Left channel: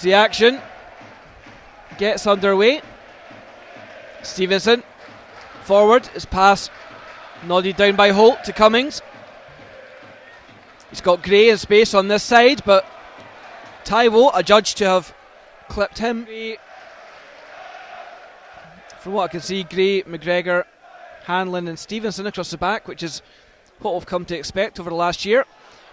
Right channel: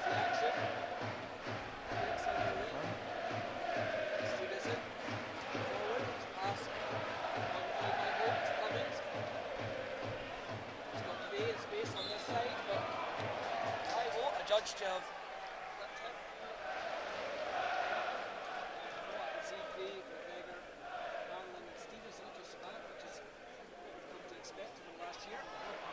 as the action gets underway. Stevenson forward, his pass nodded down by Holt to Cummings. He's got Gray in space on this side, but Taiwo adjudged to have clipped him. From what I can see, Gray, McGregor, Hanlon and Stevenson across the back, which is what we've come to expect over the last year.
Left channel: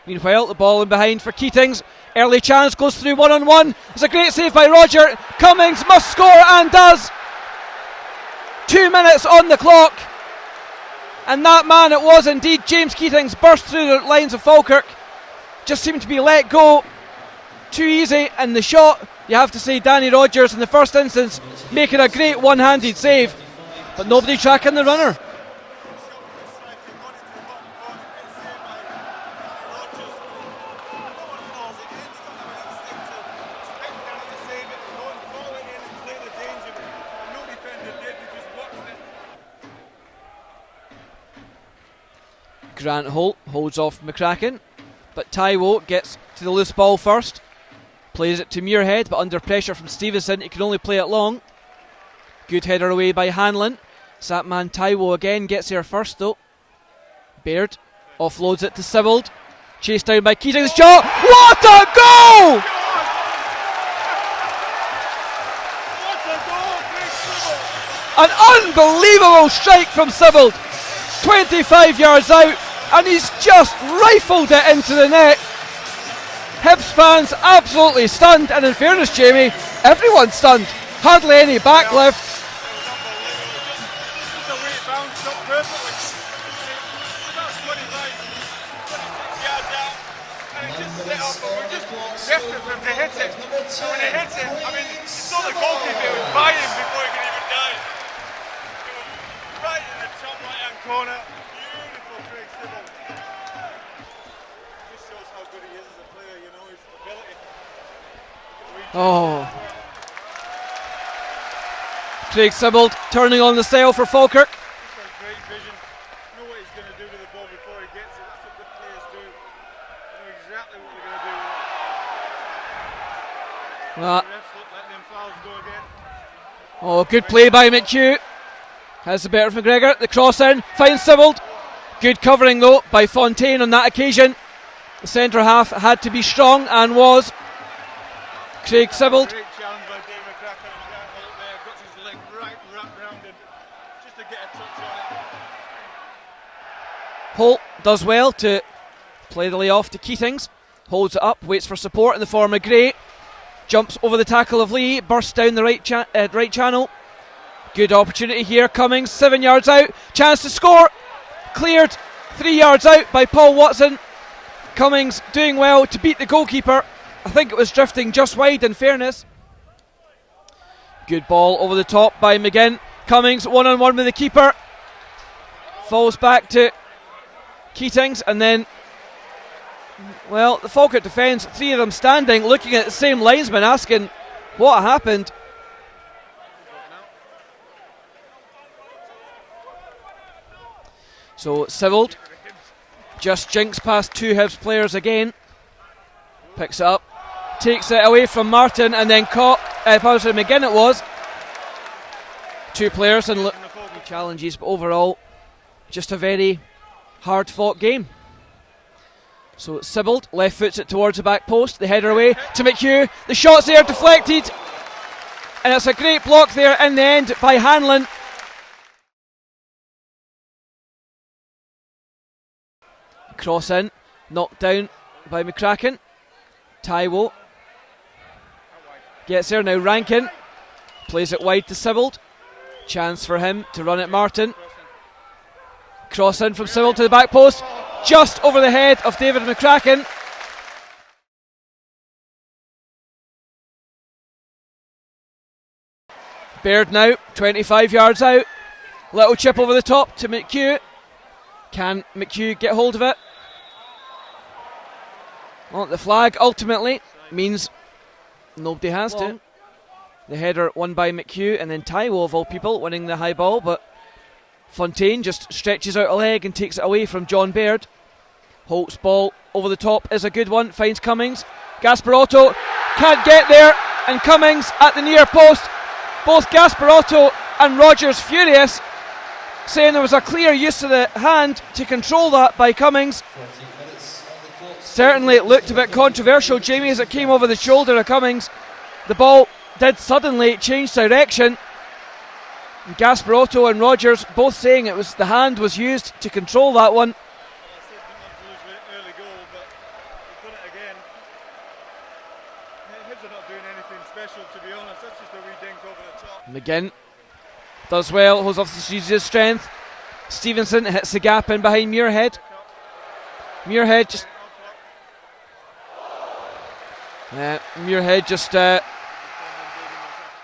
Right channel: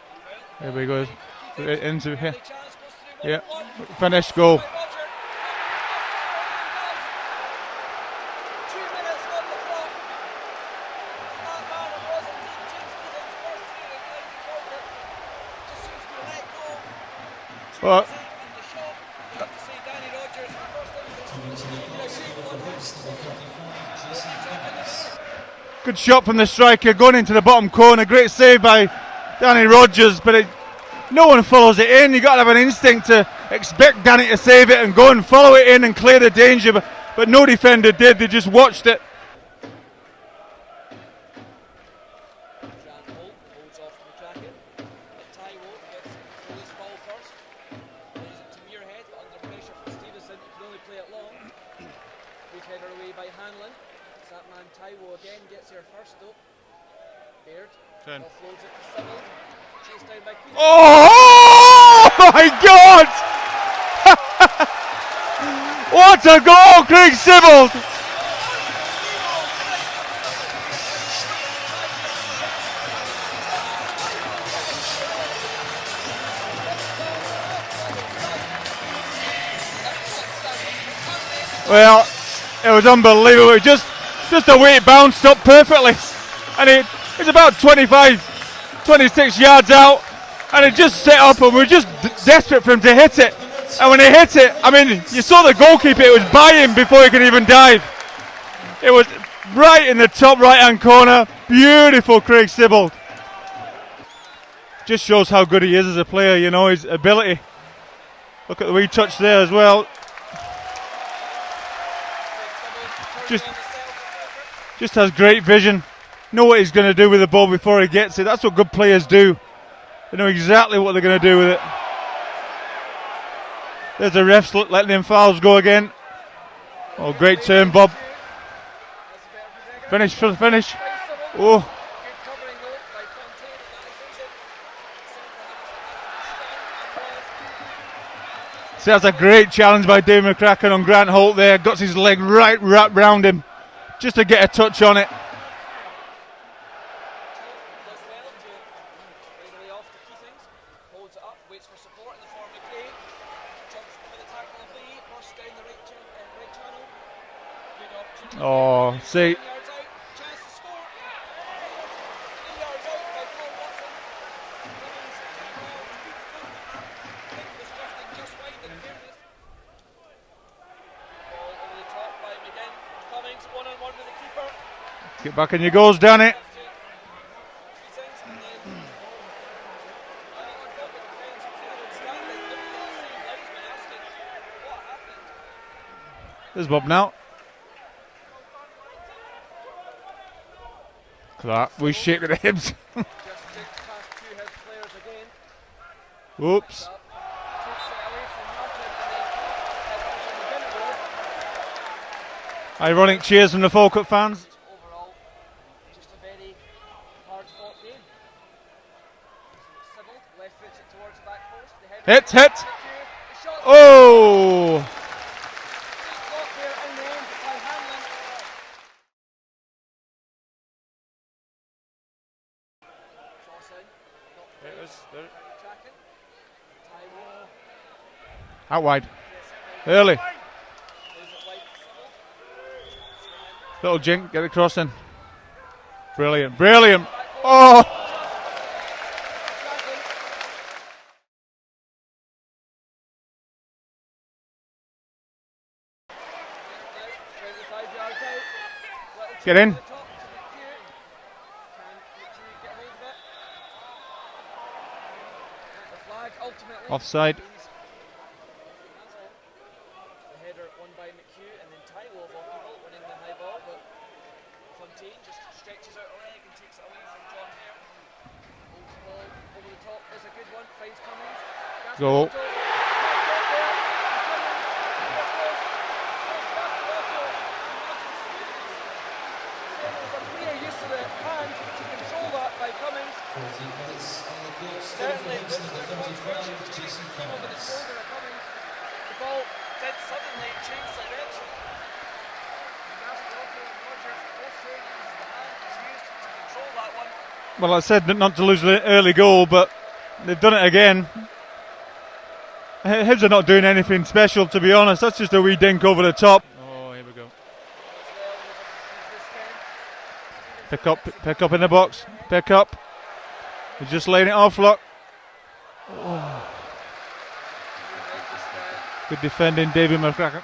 Meanwhile, the ball in behind for Keatings. Early chance, goes through one-on-one. It's a great save by Roger. Cummings must score and does. 2 minutes on the clock. And that man it was indeed, James Keatings, burst through the lines of Falkirk. Just seemed to be let go too easy, and the shot, you have to say, Danny Rogers in the first instance making a great one-handed save, but nobody tracking the runner. Good shot from the striker going into the bottom corner. Great save by Danny Rogers, but no one follows it in. You've got to have an instinct to expect Danny to save it and go and follow it in and clear the danger, but no defender did. They just watched it. Grant Holt holds off McCracken, but Taiwo gets to the loose ball first. Plays it to Muirhead, but under pressure from Stevenson, he can only play it long. Good header away by Hanlon. It's that man Taiwo again, gets there first though. Baird offloads it to Sibbald. Chased down by Keatings. Oh my God! What a goal, Craig Sibbald! An unbelievable strike from Sibbald. 25 yards out, and he's just rifled it into the net. Hibs fans absolutely stunned, and in fairness, Jamie, everyone's stunned. Hardly any backlift. It was unbelievable. It just the way it bounced up perfectly, and it's about 25, 26 yards out, and it just set up, and we're just desperate for him to hit it. And when he hit it, I mean, you saw the goalkeeper, it was by him before he could even dive. It was right in the top right-hand corner. Beautiful, Craig Sibbald. Just shows how good he is as a player, you know, his ability. Look at the wee touch there as well. Craig Sibbald turning on the sail for Falkirk. Just has great vision. Know what he's going to do with the ball before he gets it. That's what good players do. They know exactly what they're going to do with it. There's the refs letting them fouls go again. Good play by McHugh. Has the better of McGregor. The cross in, finds Sibbald. Good covering though by Fontaine on that occasion. The centre half had to be strong and was. Craig That's Sibbald. A great challenge by Dave McCracken on Grant Holt there. Got his leg right wrapped round him just to get a touch on it. Holt does well to play the layoff to Keatings. Holds it up, waits for support in the form of Gray. Jumps over the tackle of Lee, bursts down the right channel. Good opportunity here, Cummings, 7 yards out. Chance to score. Cleared 3 yards out by Paul Watson. Cummings doing well to beat the goalkeeper. I think it was drifting just wide in fairness. Good ball over the top by McGinn. Cummings one-on-one with the keeper. Get back in your goals, Danny. Back to Keatings, and then, well, the Falkirk defence, three of them standing, looking at the same linesman, asking what happened. There's Bob now. So Sibbald just jinks past two Hibs players again. Oops. Picks it up, takes it away from Martin, and then caught McGinn it was. Two Ironic players cheers from the Falkirk fans. But overall, just a very hard fought game. So Sibbald left foots it towards the back post, the header away to McHugh, the shot's there deflected, and it's a great block there in the end by Hanlon. Cross in, knocked down by McCracken. Taiwo out wide, gets there now. Rankin plays it wide to Sibbald. Chance for him to run at Martin. Cross in from Sibbald to the back post, just over the head of David McCracken. Baird now 25 yards out. Little chip over the top to McHugh. Can McHugh get hold of it? Well, the flag ultimately offside means nobody has to. The header won by McHugh, and then Taiwo of all people winning the high ball, but Fontaine just stretches out a leg and takes it away from John Baird. Holt's ball over the top is a good one, finds Cummings. Gasparotto can't get there, and Cummings at the near post. Both Gasparotto and Rogers furious, saying there was a clear use of the hand to control that by Cummings. Certainly it looked a bit controversial, Jamie, as it came over the shoulder of Cummings. The ball did suddenly change direction. Gasparotto and Rogers both saying it was the hand was used to control that one. Well, I said not to lose the early goal, but they've done it again. Hibs are not doing anything special, to be honest. That's just a wee dink over the top. McGinn does well, holds off his strength. Stevenson hits the gap in behind Muirhead. Pick up. Muirhead just laying it off, look. Muirhead just good defending, David McCracken.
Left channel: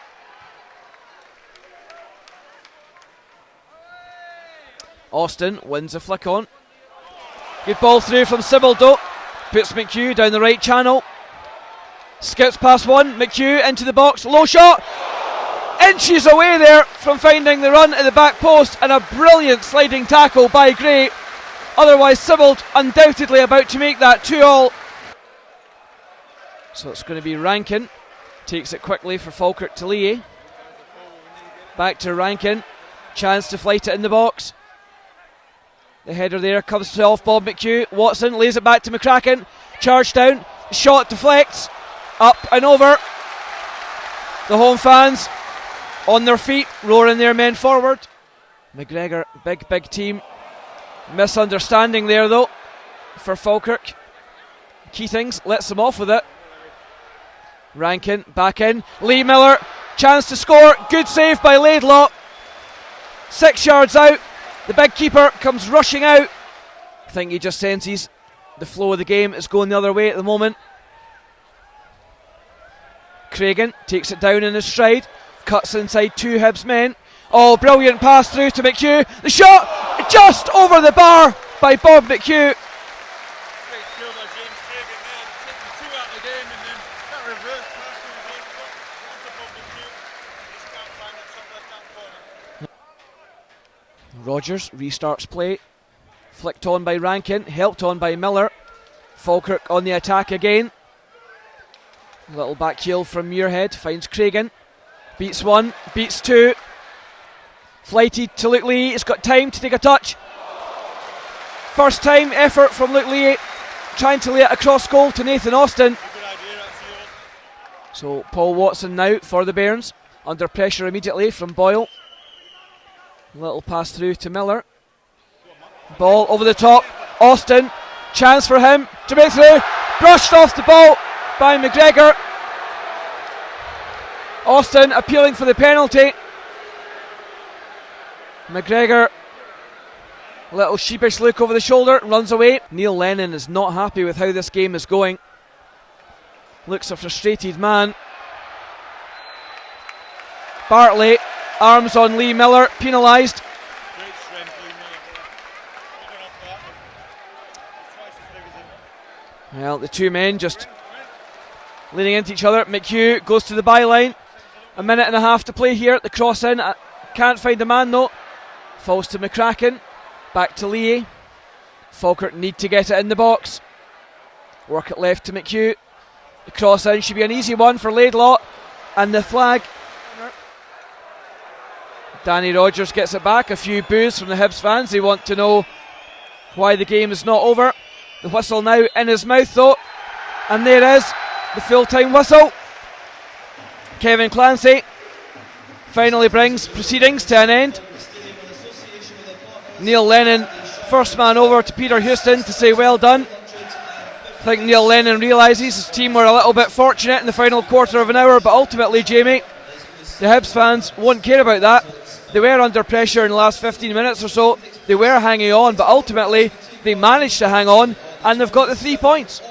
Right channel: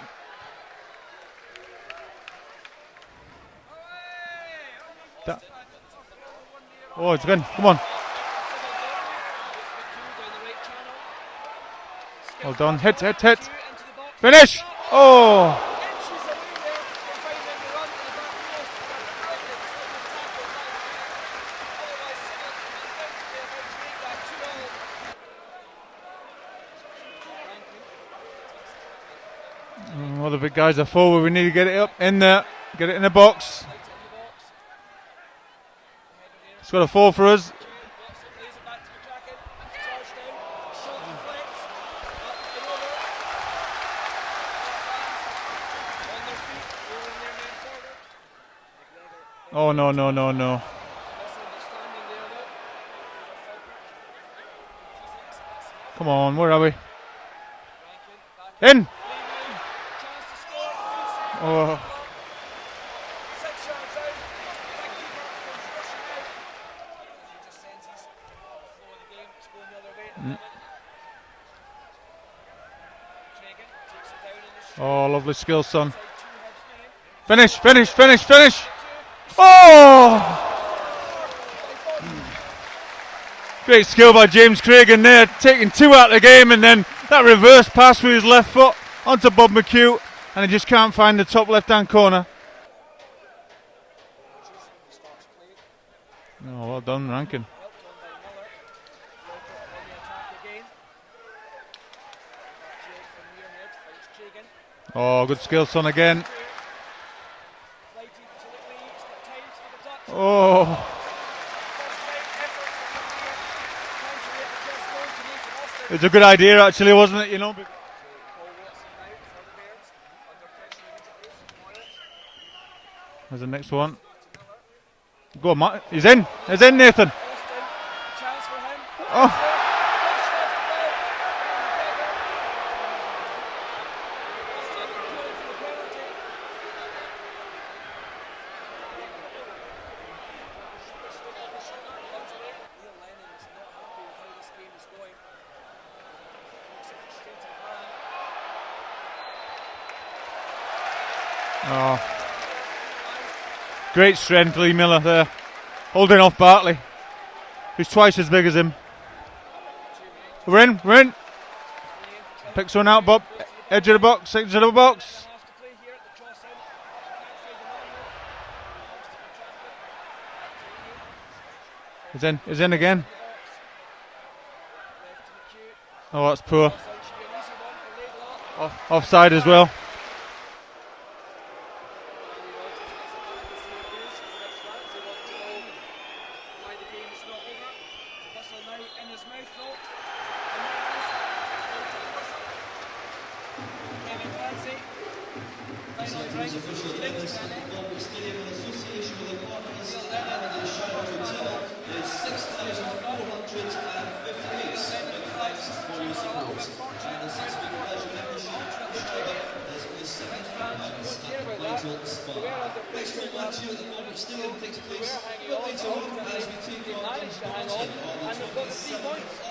Austin wins a flick on. Oh, it's good. Come on. Good ball through from Sibaldo. Puts McHugh down the right channel. Skips past one. McHugh into the box. Finish. Shot. Oh. Inches away there from finding the run at the back post, and a brilliant sliding tackle by Gray. Otherwise, Sibbald undoubtedly about to make that 2-2. So it's going to be Rankin. Takes it quickly for Falkirk to Lee. All the big guys are forward. We need to get it back to in Rankin. There. Get it in the box. Chance to flight it in the box. The header there comes to off Bob McHugh. Watson lays it back to McCracken. Charge down. Shot deflects. Up and over. The home fans on their feet, roaring their men forward. McGregor, big team. No. Misunderstanding there though for Falkirk. Keatings lets them off with it. Where are we? Rankin back in. Lee Miller, chance to score. Good save by Laidlaw. 6 yards out. The big keeper comes rushing out. I think he just senses the flow of the game is going the other way at the moment. Cragen takes it down in his stride. Cuts inside two Hibs men. Brilliant pass through to McHugh. The shot just over the bar by Bob McHugh. Great skill by James Cragen there, taking two out of the game, and then that reverse pass with his left foot onto Bob McHugh, and he just can't find the top left-hand corner. Rogers restarts play. Flicked on by Rankin, helped on by Miller. Falkirk on the attack again. A little back heel from Muirhead, finds Cragen. Beats one, beats two. Flighted to Luke Lee, he's got time to take a touch. First time effort from Luke Lee, trying to lay it across goal to Nathan Austin. It's a good idea actually, wasn't it? So Paul Watson now for the Bairns, under pressure immediately from Boyle. A little pass through to Miller. Go on, Matt. He's ball in. Over the He's top. In, Nathan. Austin, chance for him to make through. Brushed off the ball by McGregor. Austin appealing for the penalty. McGregor, a little sheepish look over the shoulder, runs away. Neil Lennon is not happy with how this game is going. Looks a frustrated man. Bartley, arms on Lee Miller, penalised. Great strength, Lee Miller there, holding off Bartley, who's twice as big as him. Well, the two men just we're in. Leaning into each other. McHugh goes to the byline. A minute and a half to play here at the cross in. Can't find a man though. Falls to McCracken. Back to Lee. Falkirk need to get it in the box. Work it left to McHugh. That's poor. Cross in should be an easy one for Laidlaw. Offside as well. Danny Rogers gets it back. A few boos from the Hibs fans. They want to know why the game is not over. The whistle now in his mouth though. And there is the full-time whistle. Kevin Clancy finally brings proceedings to an end. Neil Lennon, first man over to Peter Houston to say well done. I think Neil Lennon realises his team were a little bit fortunate in the final quarter of an hour, but ultimately, Jamie, the Hibs fans won't care about that. They were under pressure in the last 15 minutes or so. They were hanging on, but ultimately they managed to hang on, and they've got the 3 points.